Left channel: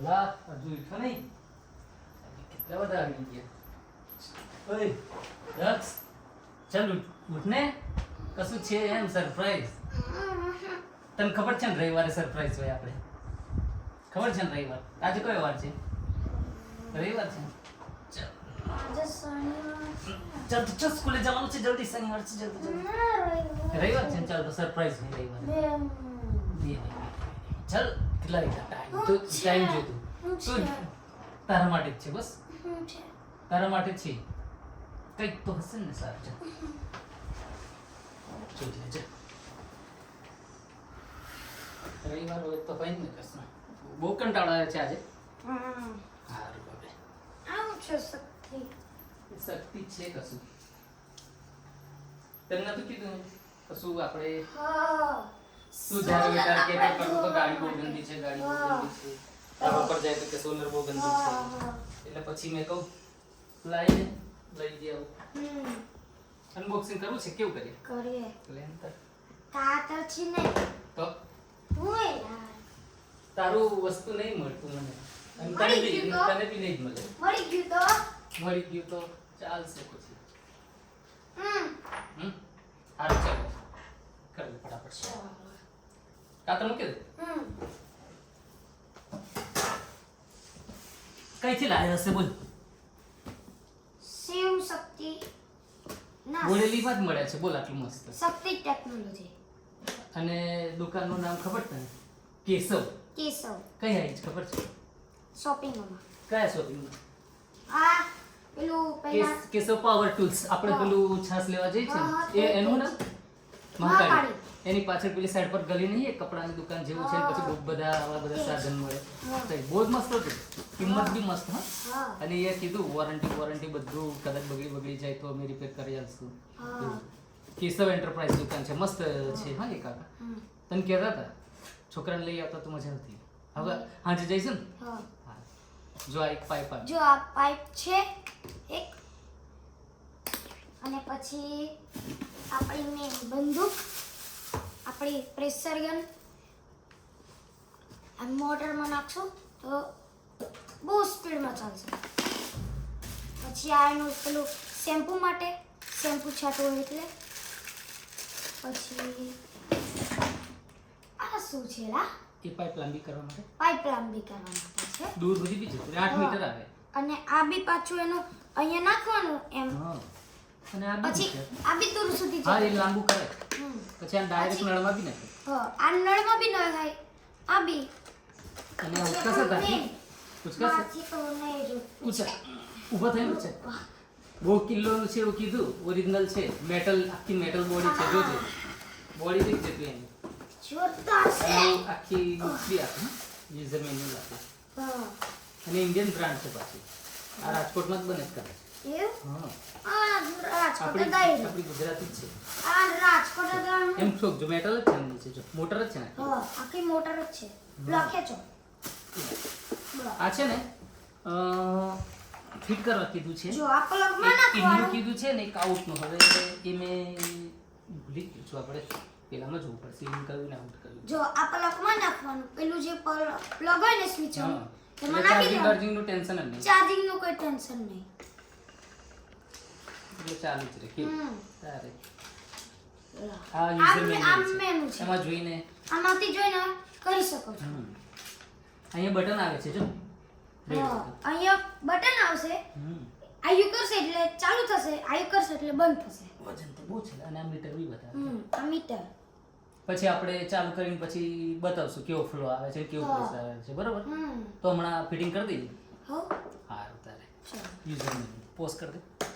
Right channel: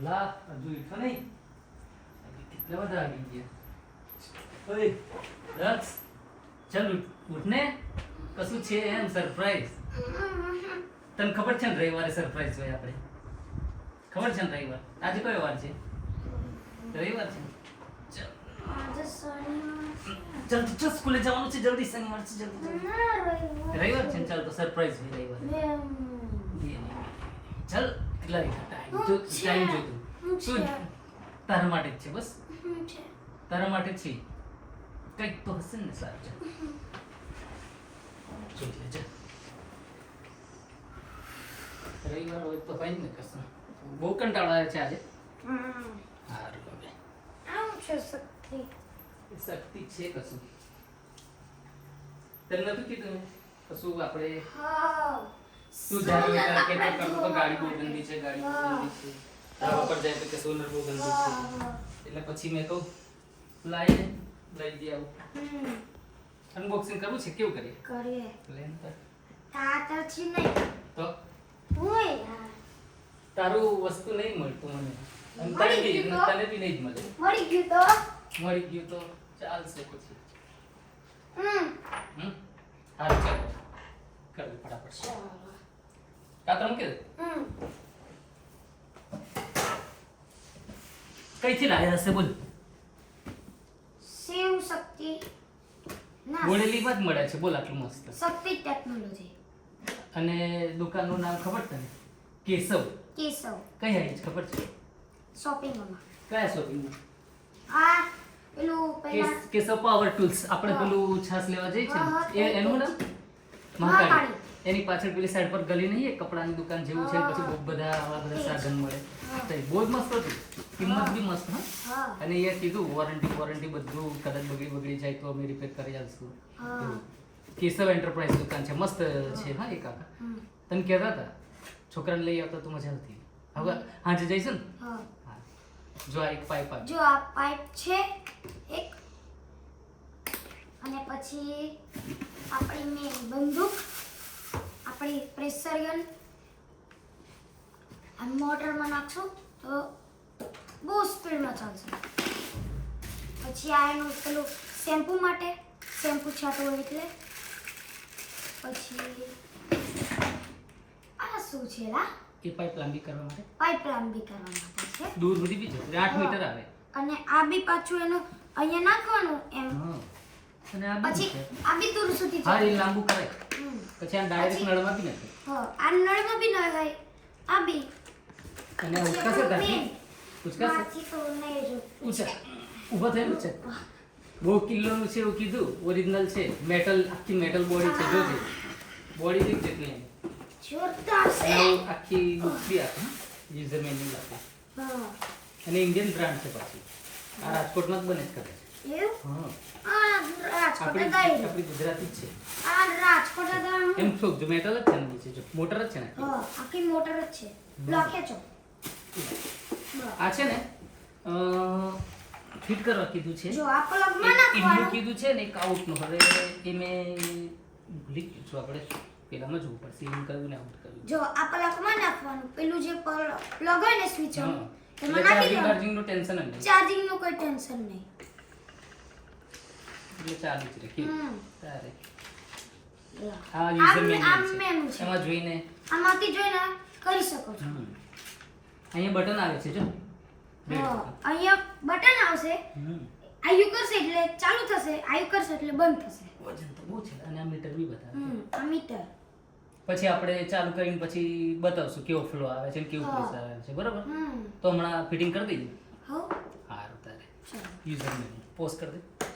લા હજુ ઉઠો નહીં કેટલા બધા આવી ગયા ઓય દક્ષ ચાલ ઉઠ ને કશું છે એમ સરપ્રાઈઝ તને ખબર છે ને રવિવારે સરપ્રાઈઝ હોય આપણે ખબર છે ને રવિવાર આજે કયો વાર છે રવિવાર છે ચાલ તો ચાલ સ્કૂલે જવાનું છે જલ્દી શનિવાર છે જલ્દી રવિવાર છે ને ચાલ તો સરપ્રાઈઝ છે રવિવાર ચાલ કેટલા વાગ્યા ટાઈમ જોતું શું તારા માટે જ છે બસ તારા માટે છે કંઈક તો હશે ને સારું છે જોઈ લેજે રવિવાર હોય તો કઈ જ નહીં કશું બહુ કંટાળો આવે છે આજે સારું હવે શક્તિ છે કશું તને નતું કીધું કશું આપણે તું જ્યારે વિચાર કે કરતો તો ગાડી બહુ ગંદી છે ગાડી બહુ ગંદી છે રવા પર જાય તો કે સોલર બહુ ગંદી છે એટલે પછી મેં કહું લઈ દે આવું અનબોક્સિંગ કરવું છે કેવું કરીએ લે અંતર તો તારું વસ્તુ નહીં મળતું મને અને તને બી નહીં જ મળે મળી ગયું તો ચાલશે પછી હાલ ચાલો કરવું ફટાફટ કાતર મૂકી દે કઈથી લાવ્યા હશે બોલ શિવ શક્તિ બોલેલી વાત મળે છે બોલ આટલું મસ્ત શક્તિ ટેકનોલોજી અને દુકાનનું નામ ખબર તને કેશવ કઈ આવી છે ખબર છે શોપિંગમાં કયા શોપિંગમાં આ પેલું પહેલા કેશવ પાવર ટૂલ્સ આપણે પેલું છાસ લેવા જઈએ છે એ એનું નામ મહાકાળી એની પાછળ પેલી સાઈડ પર ગલી નહીં એક કપડાની દુકાન જેવું છે પછી બહુ બધા આવા બધા સાધન મળે બહુ જ મસ્ત હતું કિંમત બી મસ્ત હા અને એ કીધું વોરંટી બધું કદાચ બગડી જાય તો અમે રિપેર કરી આપશું કેશવ એન્ટરપ્રાઇઝ દુકાન છે મસ્ત છે હા એ કાકા તને કહેતા હતા છોકરાને લઈ આવતા તો મજા આવતી હવે હાજે જઈશું ને હા જો આ એક પાઇપ જો આ પાઇપ છે એક અને પછી આપણી મેં બંદૂક આપણી પ્રેશર ગન આ મોટરમાં નાખશું તો બહુ સ્પીડમાં ચાલશે પછી આ એનું પેલું શેમ્પૂ માટે શેમ્પૂ છાંટવું એટલે પછી આ શું છે લા એ પાઇપ લાંબી કરવા માટે પાઇપ લાંબી કરવા માટે છે દૂર સુધી બી જશે 8 મીટર આવે અને આ બી પાછું એનું અહીંયા નાખવાનું એમ હા અને આ પછી આ બી દૂર સુધી હા એ લાંબુ કરે પછી આ ડાયરેક્ટ નળમાં બી નાખે હા આ નળમાં બી ના થાય આ બી અને ઉચકા છે દાદી ઉચકા છે માથી તો નહીં જો ઉચક ઊભા થઈ ઉચક બહુ કિલોનું છે એવું કીધું ઓરિજિનલ છે મેટલ આખી મેટલ બોડી છે જોજે બોડી દેખ જેટલી એની જોરદાર છે અને આખી બી આપે યુઝર મેન્યુઅલ આપે હા અને ઇન્ડિયન બ્રાન્ડ છે પાછી આ રાજકોટમાં જ બને છે કદાચ એવું હા આ રાજકોટ આપણી દાઈ આપણી ગુજરાતી જ છે આ રાજકોટ દાઈ એમ છો જો મેટલ જ છે ને નીચે જો મોટર જ છે ને હા આખી મોટર જ છે લખે છો આ છે ને ફિટ કરવા કીધું છે જો આ પ્લગમાં ઇન્ડુ નાખવાનું કીધું છે ને એક આઉટનું હવે એ મેં ભૂલી ગયું છું આપણે પેલામાં જોવું પડશે ઇન કરવું ને આઉટ કરવું જો આ પ્લગમાં નાખવાનું પેલું જે પ્લગ હોય ને સ્વિચ હા એમાં નાખી દો ચાર્જિંગનું ટેન્શન જ નહીં ચાર્જિંગ નું કોઈ ટેન્શન નહીં એટલે ચાલુ જ રહે કેવું તારે આ આમ યુઝર આમ મેન્યુઅલ મેનુ છે છે એમાં જોઈને આમાંથી જોઈને કરી શકો છો અહીંયા બટન આવે છે જો red હા, button. અહીંયા બટન આવશે હમ આયુ કરશે એટલે ચાલુ થશે આયુ કરશે એટલે બંધ થશે વજન તો બહુ છે અને આ મીટર બી બતાવે આ મીટર પછી આપણે ચાલુ કરીને પછી બતાવશું કેવો ફ્લો આવે છે ને કેવું પ્રેશર આવે છે બરાબર તો હમણાં ફિટિંગ કરી દઈએ હો સારું તારે ચાલો યુઝર મેન્યુ પોઝ કરી દે